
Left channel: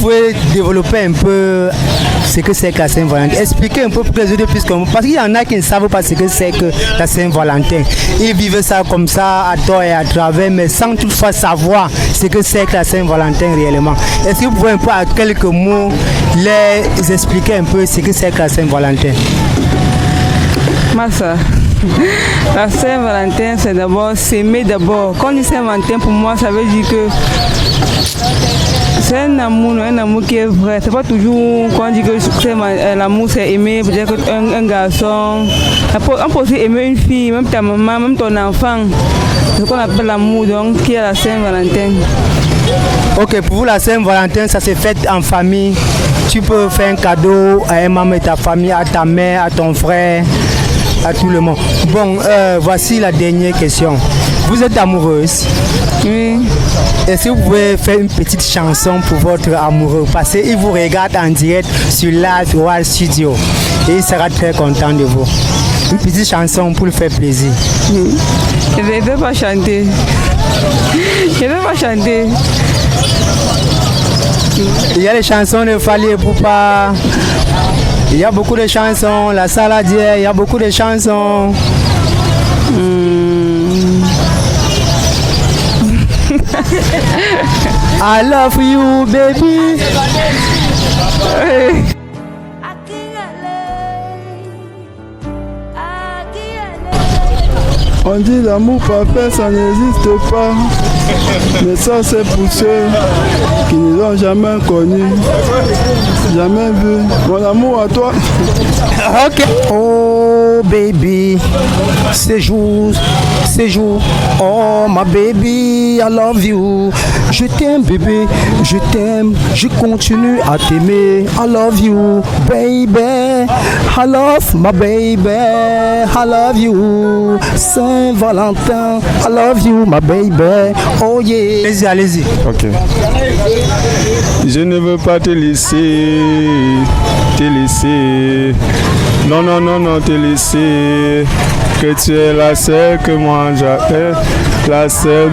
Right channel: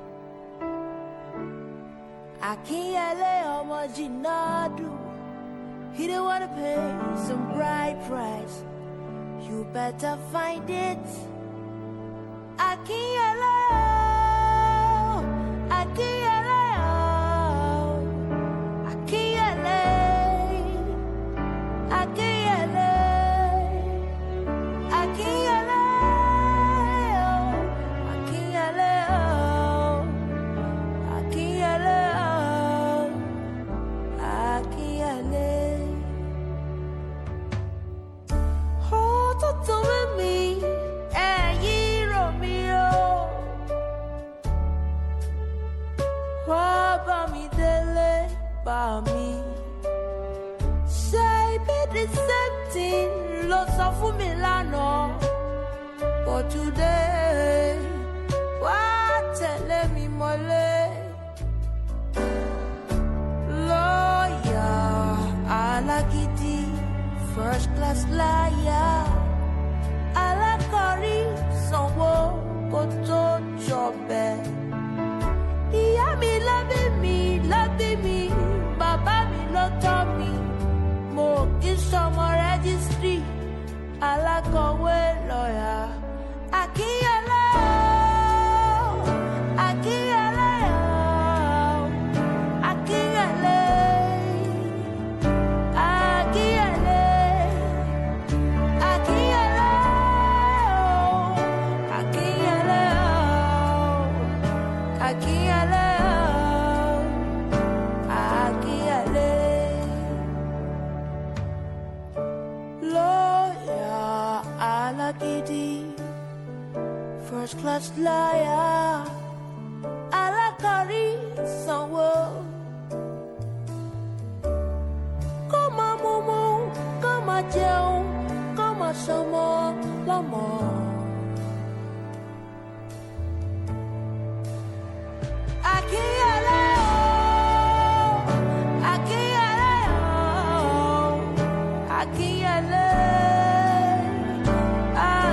pouvez développer un peu ce que c'est que la Saint-Valentin. Expliquez un peu pour que les autres puissent comprendre. Parce qu'il y en a qui ne savent pas ce que c'est que la Saint-Valentin. Ils vivent ça comme ça, à tort et à travers, mais sans toutefois savoir ce que c'est que la Saint-Valentin réellement. Est-ce que vous pouvez un peu, à quelques mots, les expliquer un peu ce que c'est que la Saint-Valentin? Massa, la Saint-Valentin, c'est d'abord s'aimer d'abord. Quand on dit Saint-Valentin, pour moi, ça veut dire que c'est un amour qui est vrai. C'est pas toujours quand on dit que l'amour c'est aimer, peut-être un garçon. On peut aussi aimer une fille, même ta maman, même ton enfant. C'est ce qu'on appelle l'amour, donc qui est la Saint-Valentin. Ok, pour vous, la Saint-Valentin, ça se fait en famille. Tu peux faire un cadeau à un membre de ta famille, à ta mère, à ton frère, à tout le monde. Bon, voici la dernière question. Vous êtes amoureuse? Oui. Est-ce que vous pouvez faire une petite chanson pour votre amoureux? Parce qu'il vous regarde en direct sur Live Wild Studio et il sera très content de vous. Une petite chanson pour lui faire plaisir. Je ne vais pas chanter. Je ne vais pas chanter. Il y a les chansons de Fally Ipupa. Il y a beaucoup de chansons. La Saladière, il y a beaucoup de chansons. I love you, baby. On dit l'amour parfait, ça n'existe pas. Mais ça, c'est pour ceux qui ne l'ont jamais connu, jamais vu. Mon amour à toi. Ok. Oh baby, séjour, oh ma baby, I love you. Je t'aime bébé, je t'aime, je continue à t'aimer. I love you, baby, I love my baby, I love you. Saint-Valentin, I love you, my baby, oh yeah. Allez-y, allez-y. Ok. Je ne veux pas te laisser, te laisser. Non, non, non, non, te laisser. Que tu es la seule que moi j'appelle, la seule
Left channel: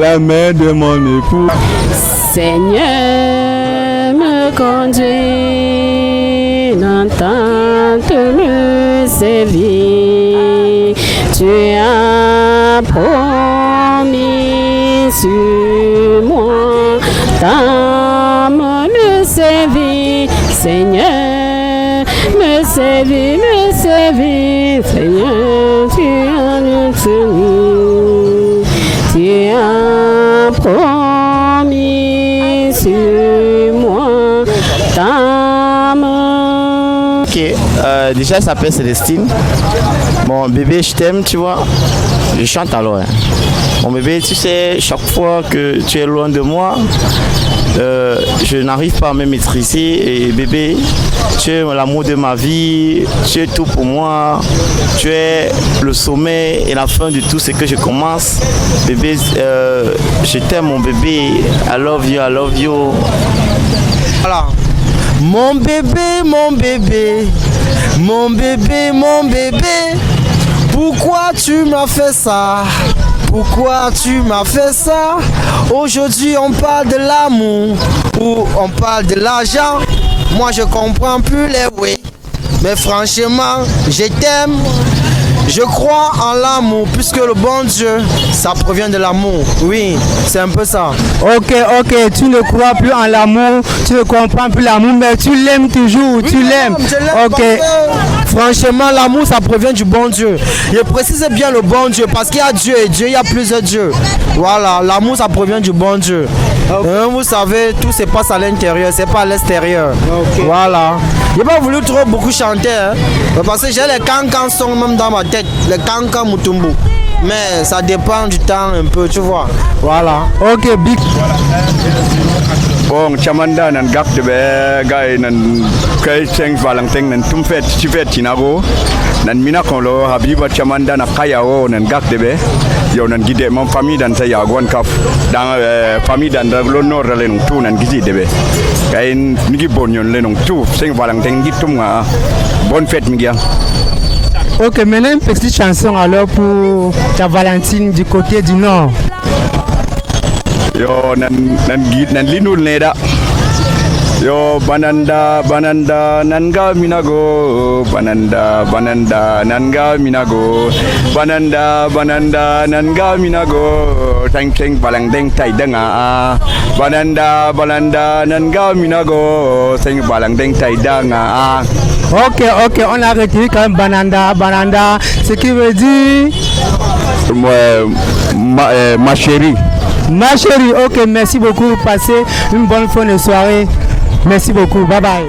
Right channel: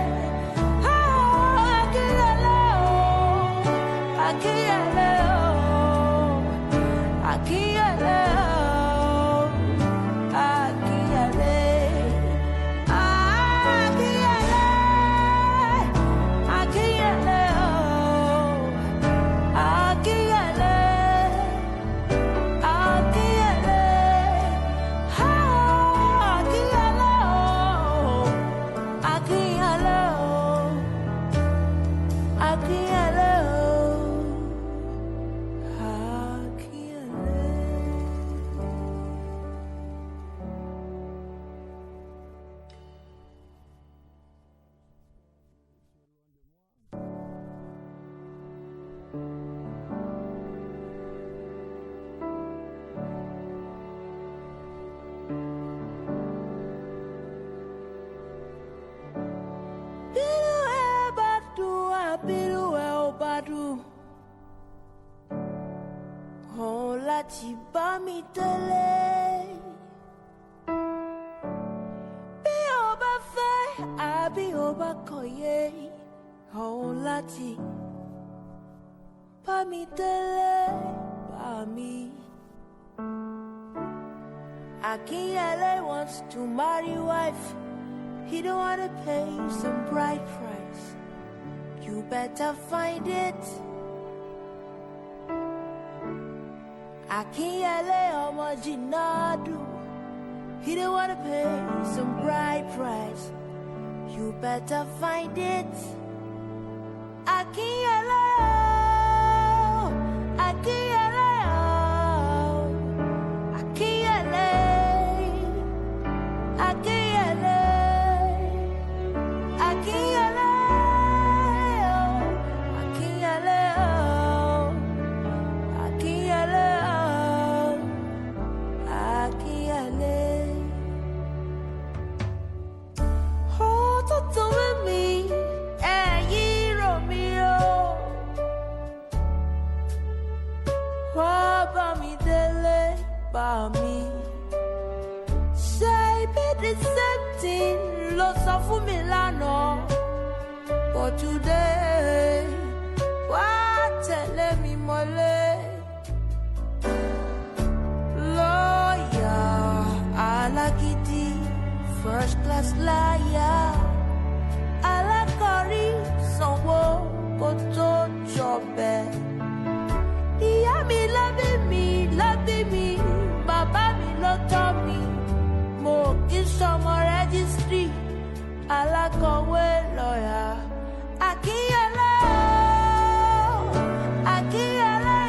la mère de mon époux. Seigneur, me conduis dans ta tenue servie. Tu as promis sur moi, d'âme me servir. Seigneur, me servir, Seigneur, tu as promis sur moi, d'âme. Ok, déjà elle s'appelle Célestine. Mon bébé, je t'aime, tu vois. Je chante alors. Hein. Mon bébé, tu sais, chaque fois que tu es loin de moi, je n'arrive pas à me maîtriser. Et bébé, tu es l'amour de ma vie, tu es tout pour moi. Tu es le sommet et la fin de tout ce que je commence. Bébé, je t'aime mon bébé. I love you, I love you. Voilà. Mon bébé, mon bébé, mon bébé, mon bébé. Pourquoi tu m'as fait ça? Pourquoi tu m'as fait ça? Aujourd'hui on parle de l'amour ou on parle de l'argent. Moi je comprends plus les oui. Mais franchement, je t'aime. Je crois en l'amour puisque le bon Dieu, ça provient de l'amour. Oui, c'est un peu ça. Ok, tu ne crois plus en l'amour, tu ne comprends plus l'amour, mais tu l'aimes toujours, oui, tu l'aimes. Ok. Franchement, l'amour, ça provient du bon Dieu. Je précise bien le bon Dieu parce qu'il y a Dieu et Dieu, il y a plusieurs dieux. Voilà, l'amour, ça provient du bon Dieu. Okay. Vous savez, tout se passe à l'intérieur, c'est pas à l'extérieur. Okay. Voilà. J'ai pas voulu trop beaucoup chanter, hein, parce que j'ai les cancans sont même dans ma tête, les cancans Mutumbu. Mais ça dépend du temps un peu, tu vois. Voilà. Ok, big. Bon, chamanda nan gap de be gay nan kay Saint Valentin nan tumfet chifet chinago nan mina kolo habiba chamanda na kayao nan gap de be yo nan gide mon famille dan sa yagon kaf dans famille dan le nord le non tout nan gidi de be kay ngi bon yon le non tout Saint Valentin gitum nga bonne fête migia. Ok, maintenant une petite chanson alors pour ta Valentine du côté du nord. Yo nan linul neda yo bananda nanga minago bananda nanga minago bananda nanga minago teng balang tai danga bananda nanga minago teng balang tai danga. Ok, on a retenu quand même bananda, ce qui veut dire ma chérie. Ma chérie, ok, merci beaucoup. Passez une bonne fin de soirée. Merci beaucoup. Bye bye.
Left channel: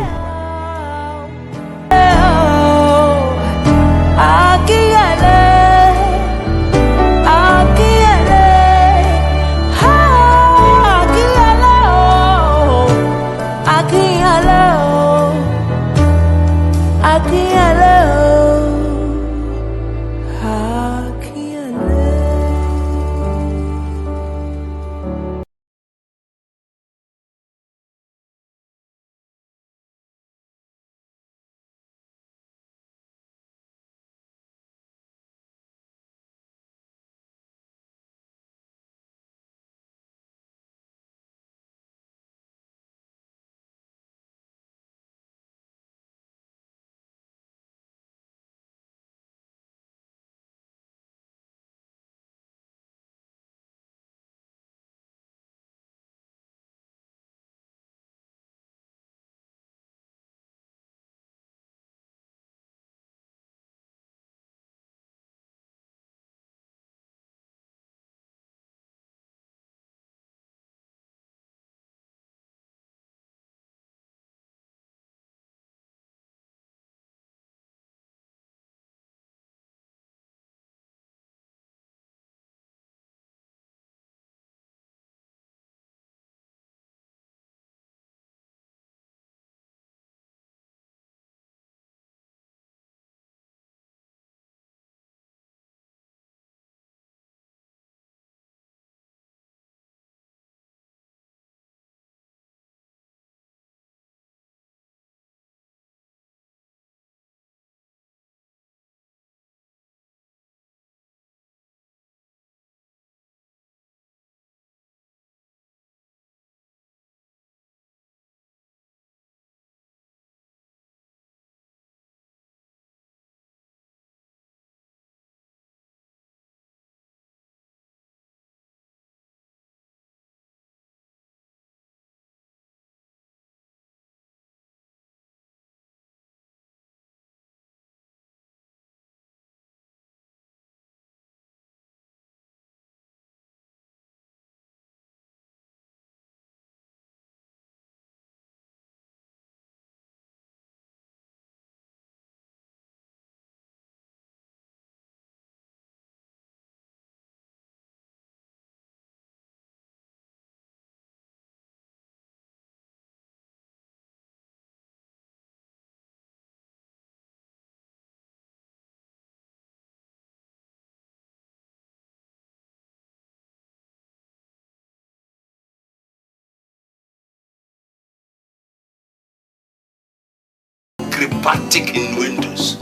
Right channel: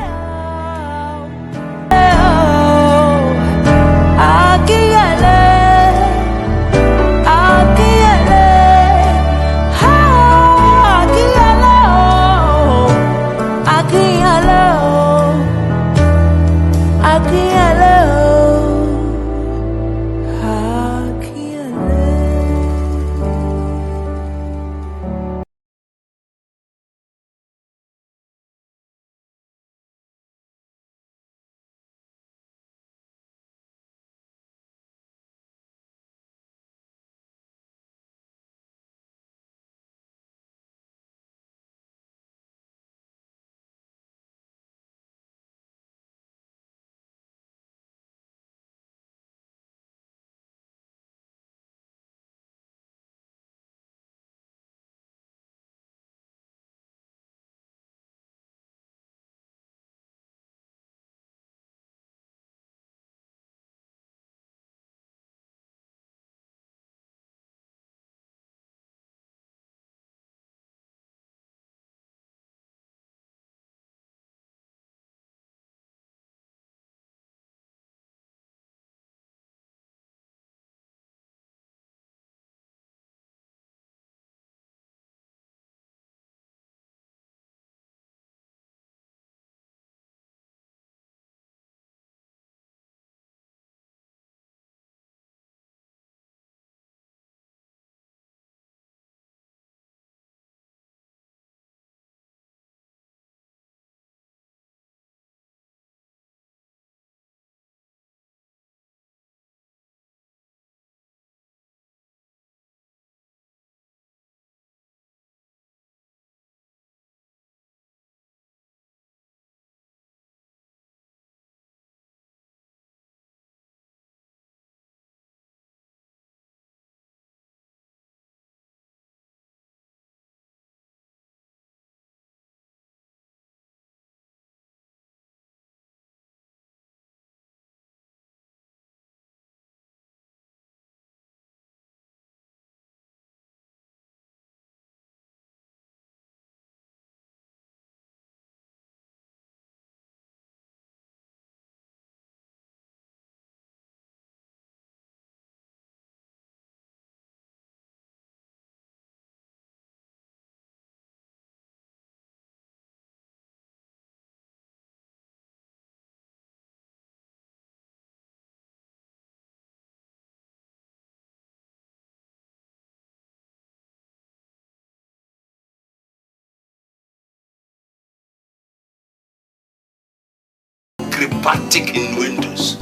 pragmatic in Windows.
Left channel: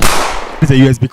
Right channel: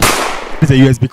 It's a USB call.